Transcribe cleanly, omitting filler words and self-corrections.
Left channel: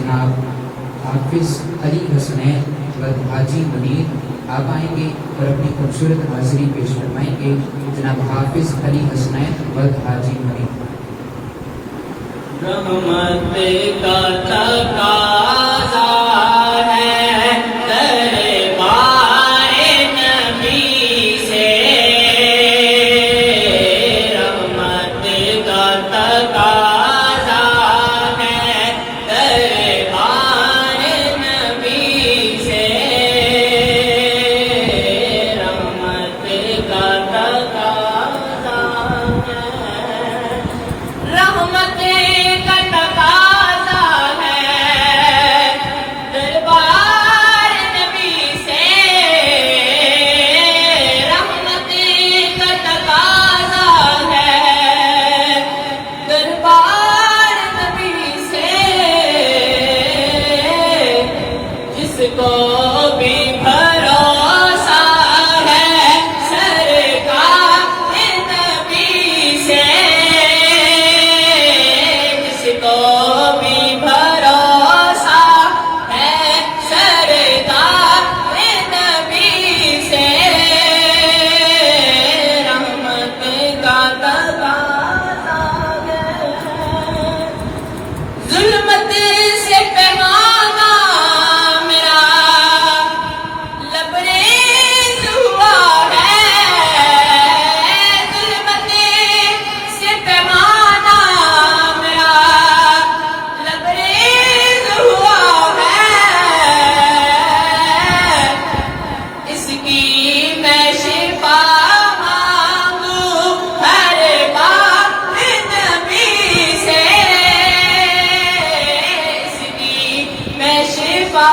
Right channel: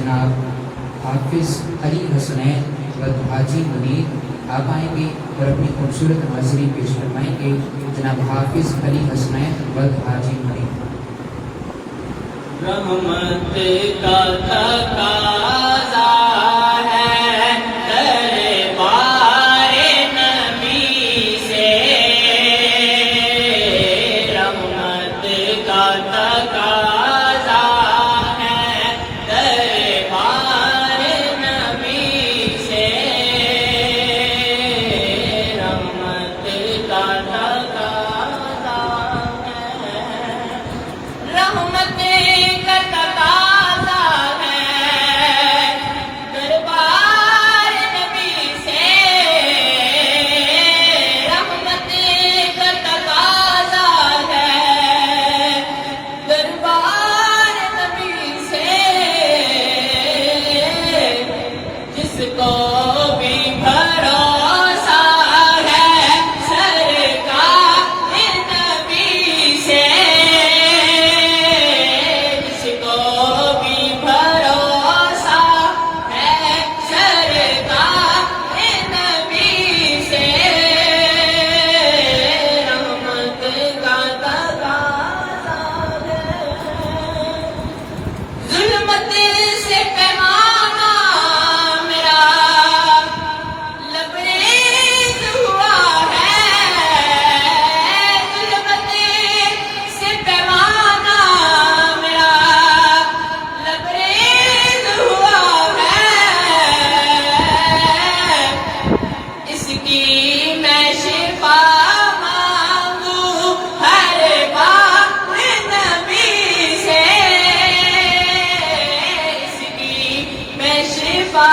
جناب حافظ علی حسنین ود حاجی منیر آپ آئیں گے اور اپنی خوبصورت حاضری پیش فرمائیں گے. جناب حافظ علی حسنین ود حاجی منیر. رحمت کا تقاضا ہے دربار نبی سے، رحمت کا تقاضا ہے دربار نبی سے، رحمت کا تقاضا ہے، رحمت کو بھی بھروسہ ہے سرکار نبی سے، جس کو بھی بھروسہ ہے سرکار نبی سے، رحمت کا تقاضا ہے، ظلمت سے پیمانہ شفا